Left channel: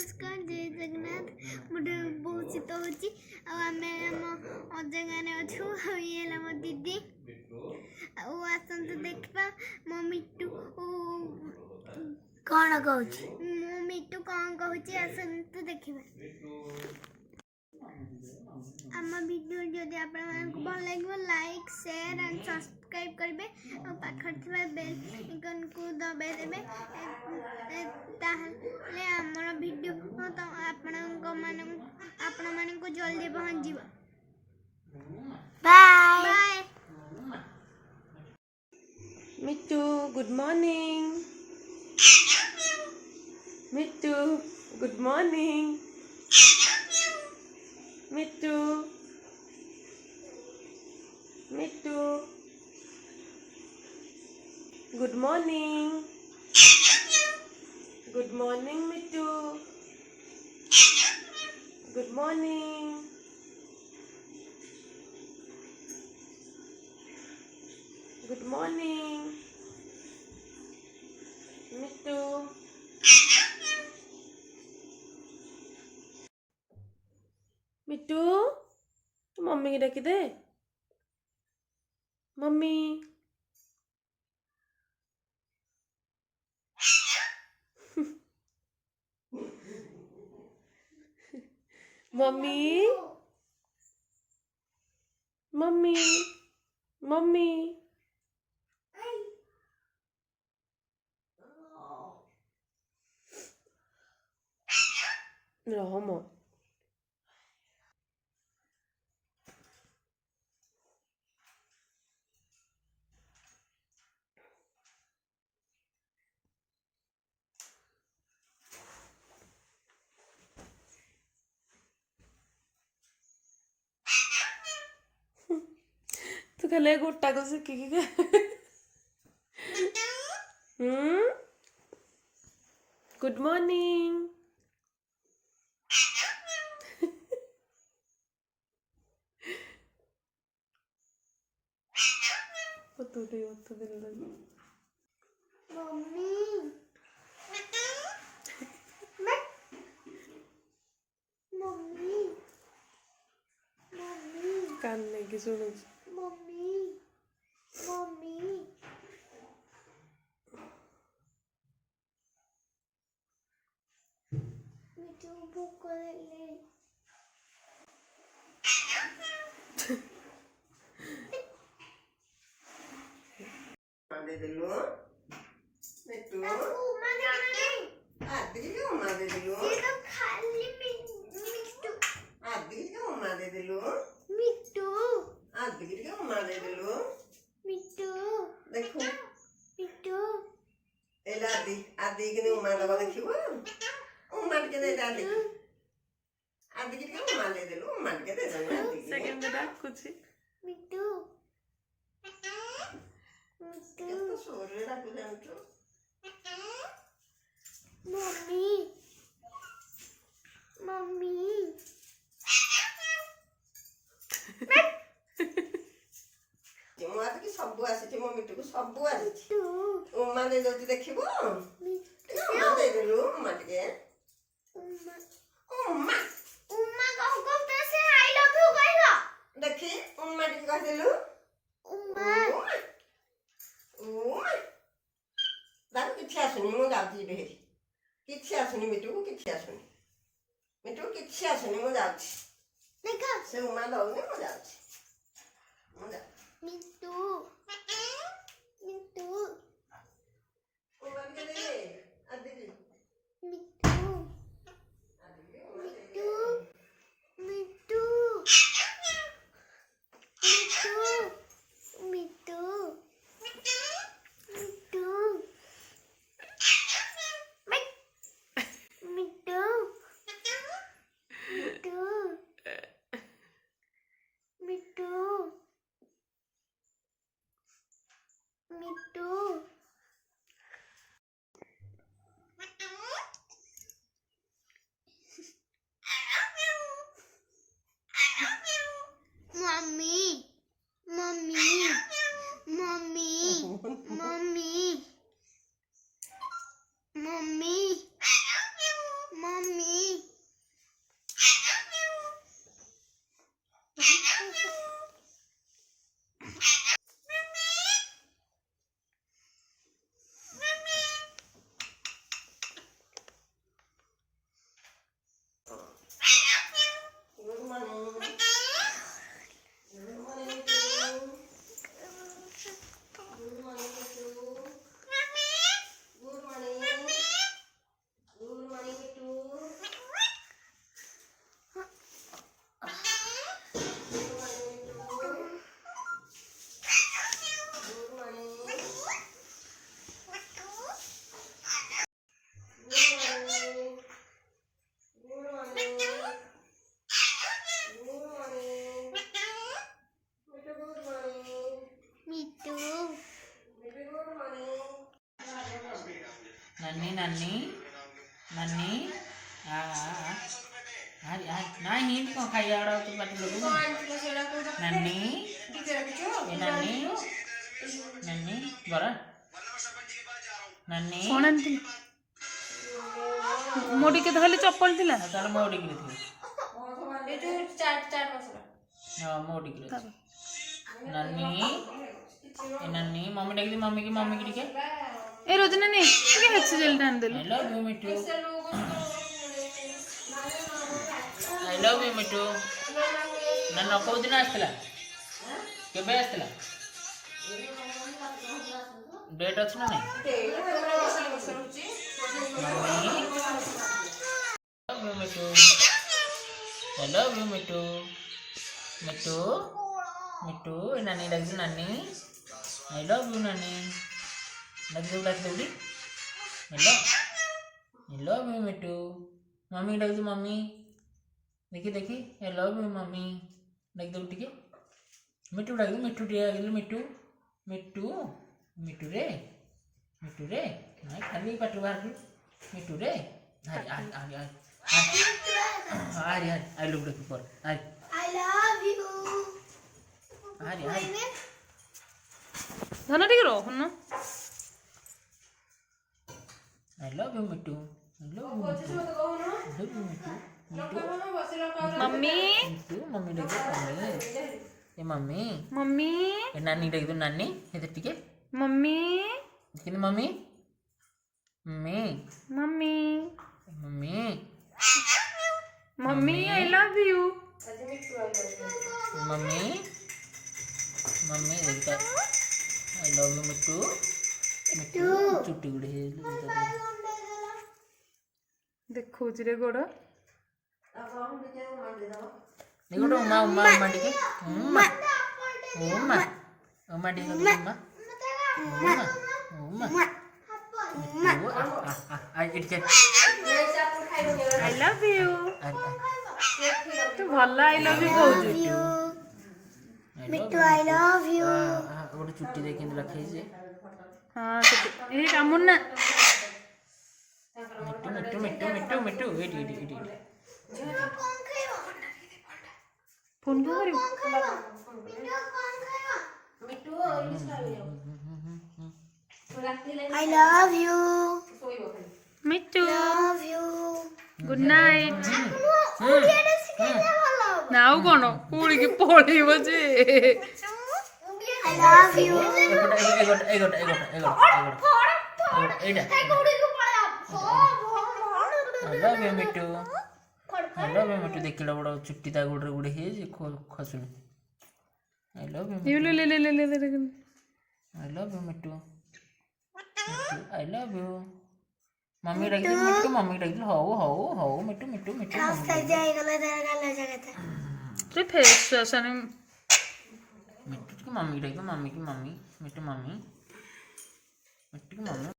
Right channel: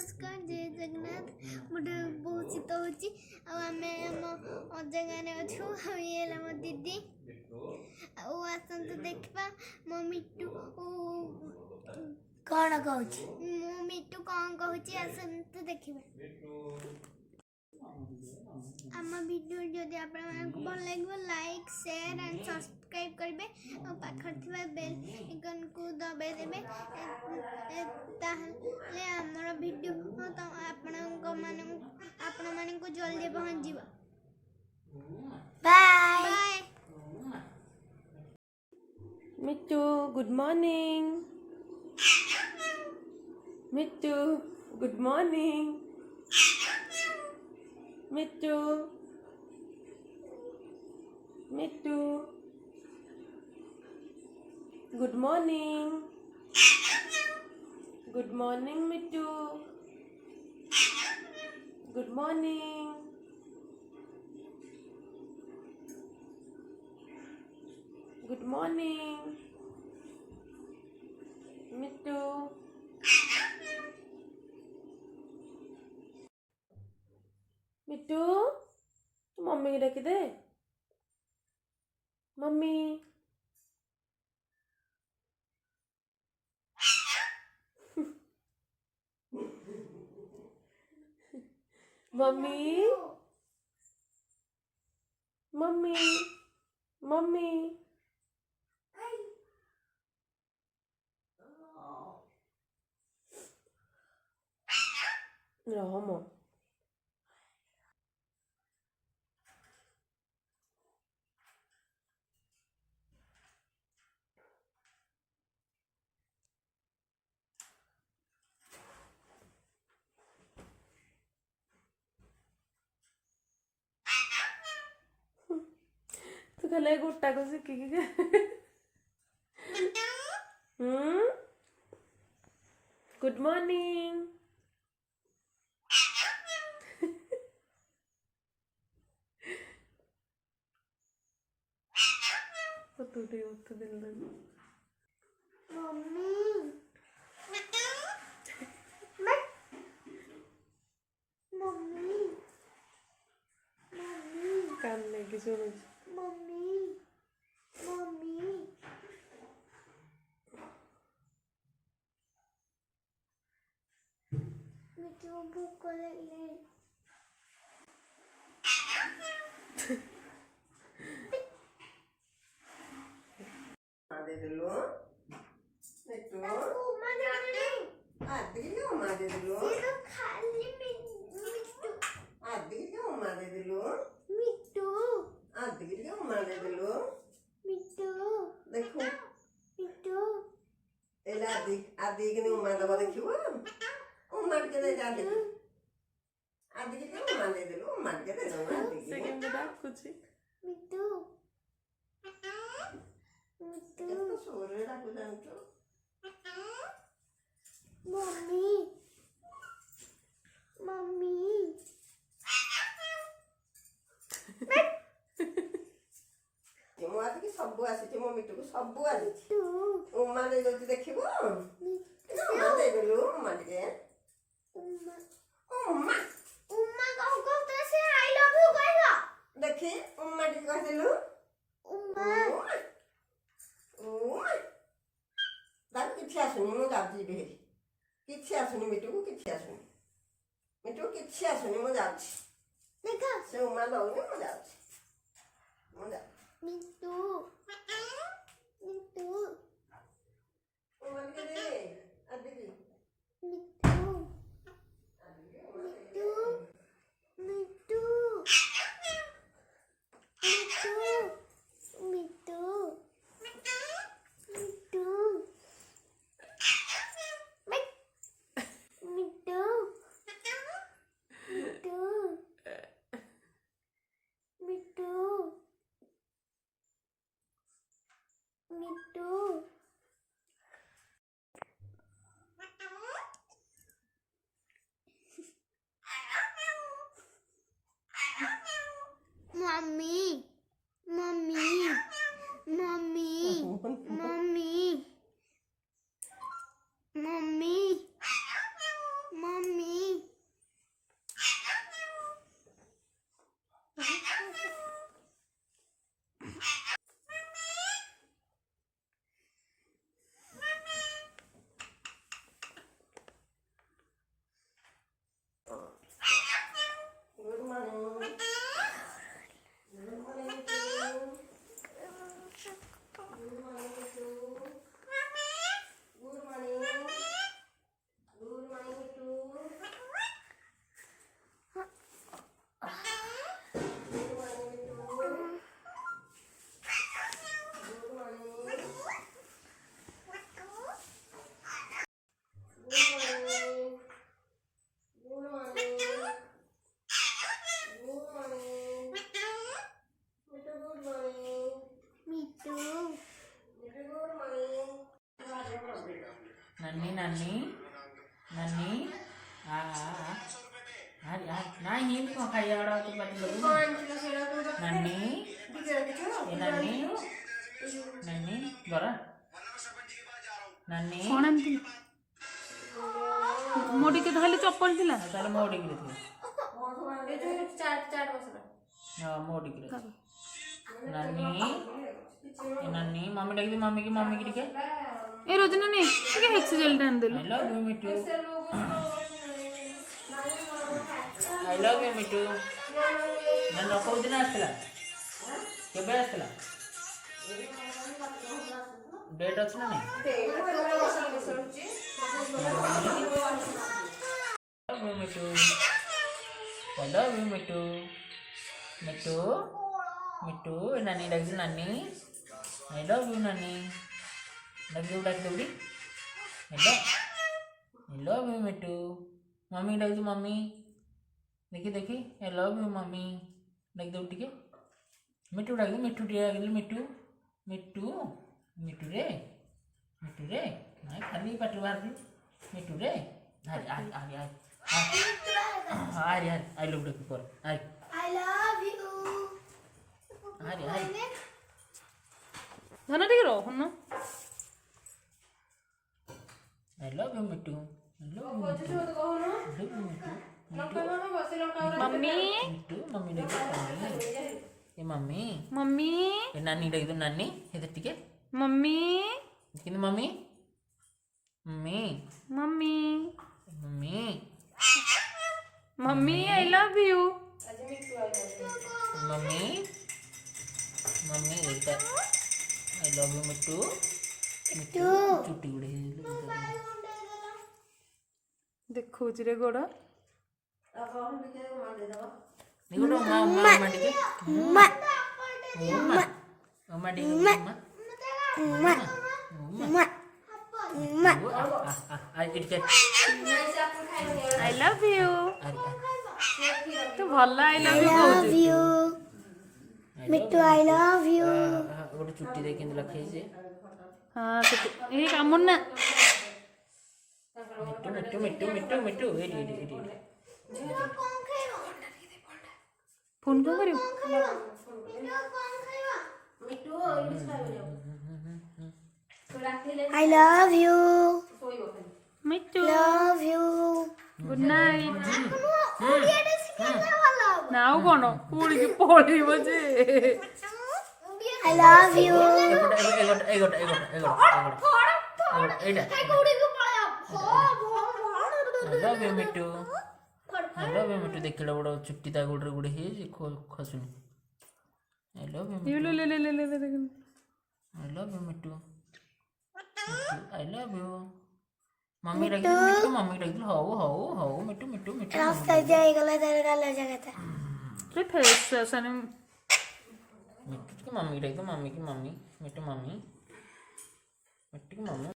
नमस्कार जय जगन्नाथ मुझे बहुत शीत होमें अजा गाने अच्छु ये मो दीदी आसतु देखा मो मिट्टू कौन कहूँ मो मिट्टू कौन कहूँ आसतु देखा आम वीडियो जदि आपको भल लगे लाइक शेयर एंड सब्सक्राइब करेंगे और पाखर थी बेल आइकन को दबाई देवे ताहले आमर वीडियो तो आपण मानक जल्दी पहुँच जीव बाय बाय मिट्टू गुड मॉर्निंग मिट्टू गुड मॉर्निंग मिट्टू मिट्टू गुड मॉर्निंग मिट्टू गुड मॉर्निंग गुड मॉर्निंग मिट्टू मिट्टू तू मम्मी की डाकी दे मम्मी मम्मी मम्मी मम्मी रहो तू खाली गोटा को शिखिकी गुड मॉर्निंग तू दिल लगी मम्मी मम्मी मम्मी कान लेके सुनो मम्मी मम्मी मुझे भूख लगी दे दिलो मिट्टू उमा नहीं आदि क्यों उमा दे दिलो ये तो खाली मिट्टू आदि क्यों उमा दे दिलो मिट्टू आदि क्यों उमा दे दिलो मिट्टू देखो मिट्टू एला आदि आदि की उमा दबा देखिबो उमा के दे आदि क्यों उमा दे दिलो उमा के दे दो आदि सेकंड डाकुची मिट्टू मिट्टू तो सोरे डाकू जानतो मम्मी मम्मी मो आदि की सब आसी मो मिट्टू को सब आसी मिट्टू उमा दे दो देखिबो उमा दे दिलो उमा के उमा उमा उमा को से आई लव यू कहला देखी उमा के कह दिलु उमा दादू किसी आसुनी मु जाऊँगी बेहरी किसी आसुनी मिट्टू को किसी आसुनी मिट्टू को किसी आसुनी मु जाऊँगी देखा से उमा दौनी मु जाऊँगी मिट्टू मिट्टू उमा के दे आदि की मिट्टू मिट्टू मिट्टू मिट्टू मिट्टू मिट्टू मिट्टू मिट्टू मिट्टू नहीं कौन खाई आड़ा तो बात लगे नन्नी ये नन्नी नन्नी बरा नन्नी कौन आंटी मोड़ी के धले चप्पल दिला ताले मोड़ी गिरे थे हां मोड़ी गिरे नन्नी ये नन्नी मम्मी डाक दी मम्मी की टिके ए रोजना ने के हेक्स जेल डान देलो I love you Mittu I love you Mittu नन्ना को दिन आस्तला केबे आस्तला डेट अछि ना नहीं love you Mittu I love you मिट्टू मिट्टू मिट्टू नानी डाक दी नानी I love you नानी डाक दो hello I love you Mittu mummy डाक दो मम्मी देखी I love you मम्मी डाक दो टिके मिट्टू डाक दो मिट्टू टिके डाक दो मिट्टू मिट्टू मिट्टू रे ना खाली पाट बाहर मिट्टू रे आ आई लव यू पर I love you. धना ठीक रो हन I love you Mittu mummy Mittu mummy डाक दो ये मम्मी मम्मी ये नानी डाक दो नानी इधर टिके मम्मी किन mummy mummy mummy mummy mummy I love you mummy mummy देखता I love you मिट्टू मिट्टू चुट्टी गुड़े देखो जिरे गोड़ देखो तो उमा उमा उमा टिके उमा उमा उमा टिके उमा उमा उमा आई इट आई लव यू तू भला आई लव यू कहू मिट्टू I love you. गोटे चुट्टी दे केंद्र रखे जे हां ए कामुन ना मिट्टू मिट्टू मिट्टू मिट्टू मिट्टू एडी फोन क्यों करियो I love you. Mittu Love you. Good night ଓଡ଼ିଆଟା ଶିଖେଇଲେ ଭଲ ହବ। नाउ कोन उड़ी के पळीब जे I love you. एगोट एडा I love you Mittu I love you मिट्टू देखिला बड़ चुट्टी ता गुडरे गुडे हे जे खसुनी I love you ये ले ले ले ले ले I love you Mittu I love you mummy डाक दे मिट्टू मम्मी डाक दे हो मिट्टू मिट्टू मिट्टू ରାସ୍ତା ଯାଇଗଲା ତାର ଗାଲ ଜାଗାଟା। तो फेस असन मिट्टू की मम्मी डाक दे मम्मी की मम्मी मिट्टू की मम्मी